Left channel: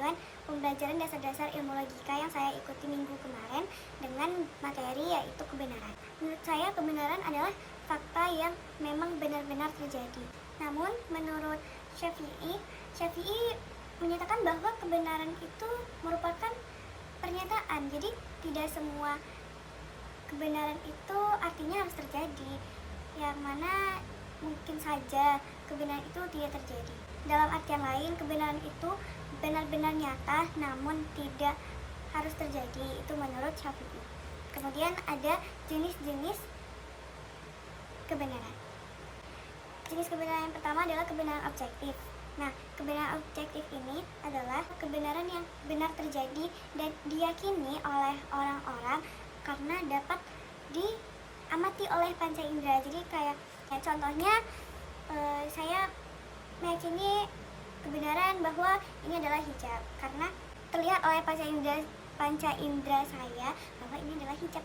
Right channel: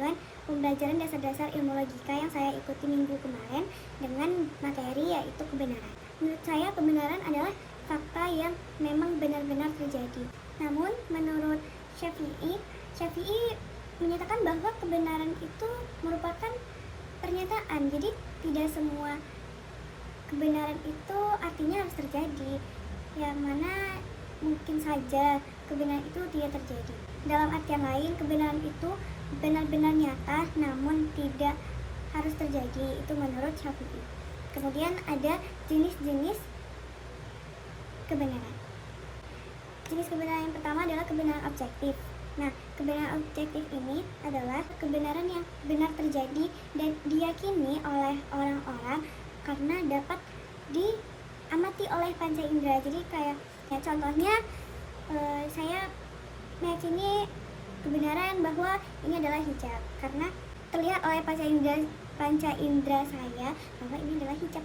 dengan pembelajaran dasar-dasar ilmu logika yang saya ikuti minggu kemarin dengan materi yaitu kebenaran. Menurut saya kebenaran adalah fakta yang memang benar-benar terjadi. Namun menurut Syafi'i menyatakan bahwa kebenaran itu merupakan pernyataan. Jadi tidak semua kebenaran itu artinya harus terjadi. Yang mana mungkin saja kebenaran itu tidak terjadi. Dalam artian lain, kebenaran itu benar-benar nyata namun tidak harus terjadi. Itu menurut Syafi'i. Kemudian ada jenis-jenis kebenaran. Jenis kebenaran yang pertama adalah kebenaran objektif. Nah, kebenaran objektif ini adalah kebenaran yang benar terjadi dan diyakini oleh orang-orang karena dapat diamati oleh panca indera. Jadi kayak contohnya saya meyakini kebenaran bahwa ini adalah hijab karena terlihat oleh panca indera saya bahwa ini adalah hijab.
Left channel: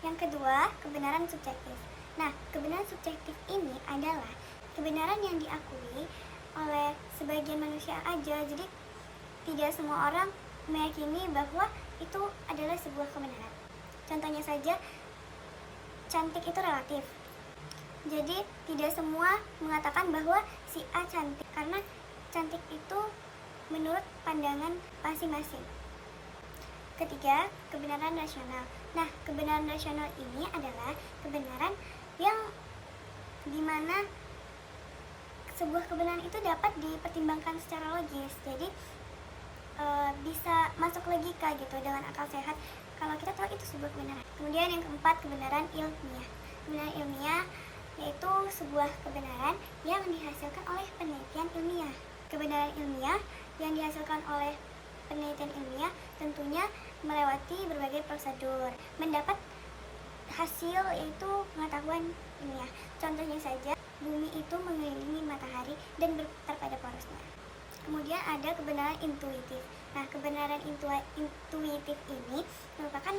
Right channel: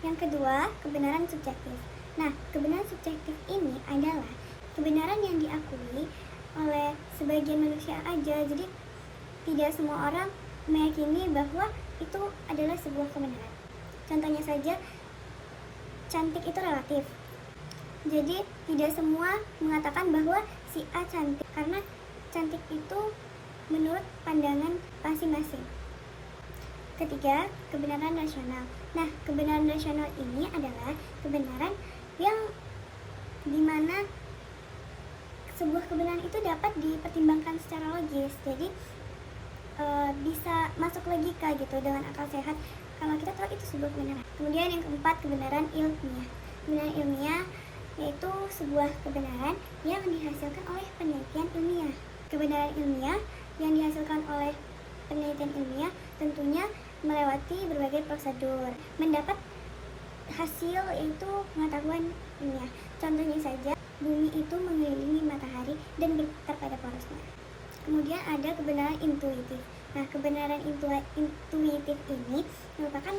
Yang kedua, kebenaran subjektif. Nah, kebenaran subjektif ini adalah kebenaran yang diakui oleh sebagian manusia aja. Jadi tidak semua orang meyakini bahwa itu adalah sebuah kebenaran. Contohnya saja, cantik itu relatif. Jadi tidak semua mengatakan bahwa si A cantik karena cantik itu menurut pandangan masing-masing. Ketiga, kebenaran rasional. Nah, kebenaran rasional ini adalah kebenaran yang dimana sebuah kebenaran itu dapat dipertimbangkan secara logis. Jadi bisa masuk logika gitu dengan akal sehat kalau kita tahu itu sebuah kebenaran. Kemudian yang keempat, kebenaran ilmiah. Kebenaran ilmiah yaitu sebuah kebenaran yang dihasilkan oleh penelitian ilmiah. Kebenaran ilmiah yang dihasilkan oleh penelitian ilmiah tentunya melewati berbagai prosedur, mendapat hasil yaitu pengetahuan ilmiah. Contohnya saja, bumi itu mengelilingi matahari dan berputar pada porosnya. Kemudian ada kebenaran intuitif. Nah, kebenaran intuitif ini merupakan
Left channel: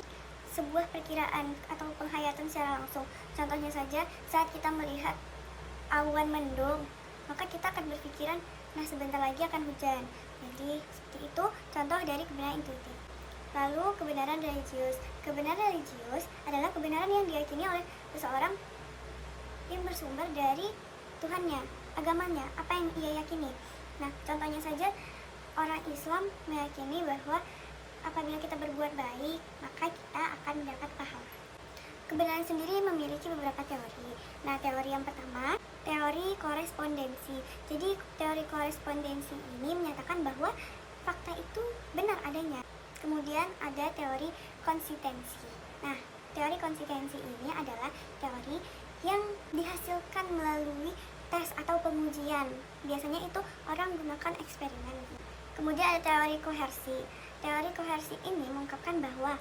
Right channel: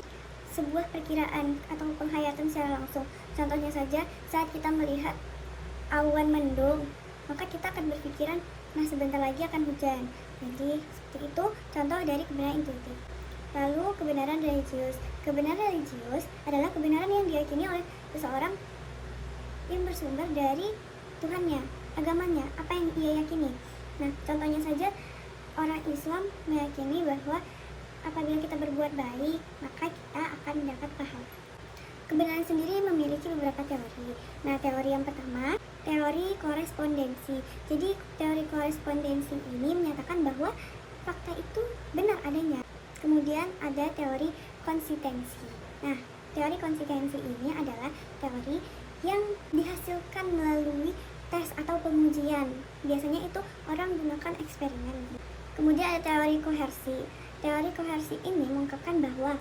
sebuah perkiraan atau penghayatan secara langsung. Contohnya saja, saat kita melihat awan mendung, maka kita akan berpikiran, nah sebentar lagi akan hujan. Jadi seperti itu contoh dari kebenaran intuitif. Lalu kebenaran religius. Kebenaran religius adalah kebenaran yang diyakini oleh seseorang yang bersumber dari Tuhannya, agamanya, apa yang ia yakini. Nah, contohnya saja orang Islam meyakini bahwa apabila kita berbuat baik, maka kita akan mendapat pahala. Kebenaran sendiri memiliki beberapa teori. Nah, teori yang pertama, teori korespondensi. Jadi, teori korespondensi ini menyatakan bahwa fakta itu benar adanya. Kemudian ada teori konsistensi. Nah, teori konsistensi ini adalah teori yang dihasilkan melalui tes atau pengujian. Biasanya itu orang gunakan eksperimen. Kemudian ada teori kohersi. Teori kohersi ini mengungkapkan bahwa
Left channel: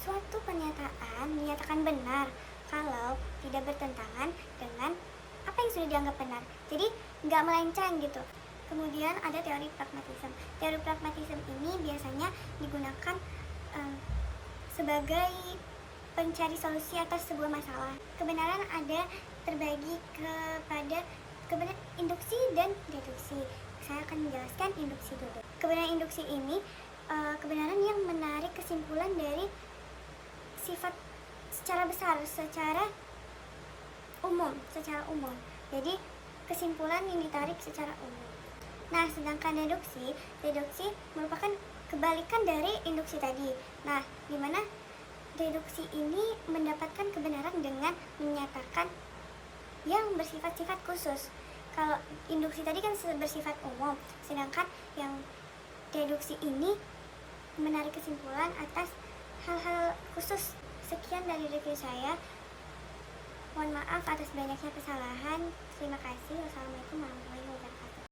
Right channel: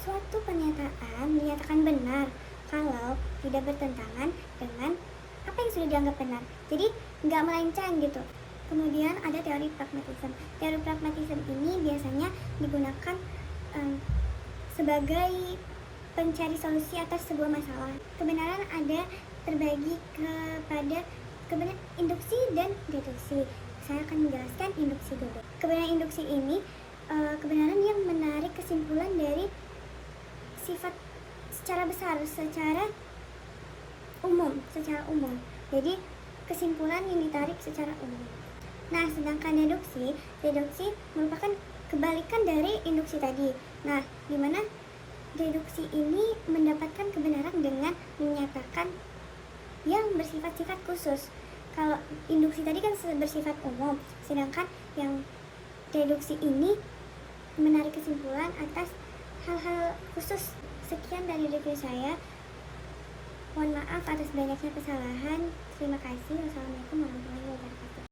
suatu pernyataan menyatakan benar kalau tidak bertentangan dengan apa yang sudah dianggap benar. Jadi nggak melenceng gitu. Kemudian ada teori pragmatisme. Teori pragmatisme ini biasanya digunakan sebagai pencari solusi atas sebuah masalah. Kebenaran ada terbagi kepada kebenaran induksi dan deduksi. Saya akan menjelaskan induksi dulu. Kebenaran induksi ini kebenaran yang menarik kesimpulan dari sifat secara besar, secara umum. Jadi kesimpulan yang ditarik secara umum. Nah, sedangkan deduksi merupakan kebalikan dari induksi tadi. Nah, di mana deduksi ini mendapatkan kebenaran dengan menyatakan yang bersifat-sifat khusus. Kalau induksi tadi kan bersifat umum, sedangkan yang deduksi ini menarik kesimpulan atas hal-hal khusus. Sekian dari review saya. Mohon maaf atas banyaknya kesalahan. Terima kasih. Wassalamualaikum warahmatullahi wabarakatuh.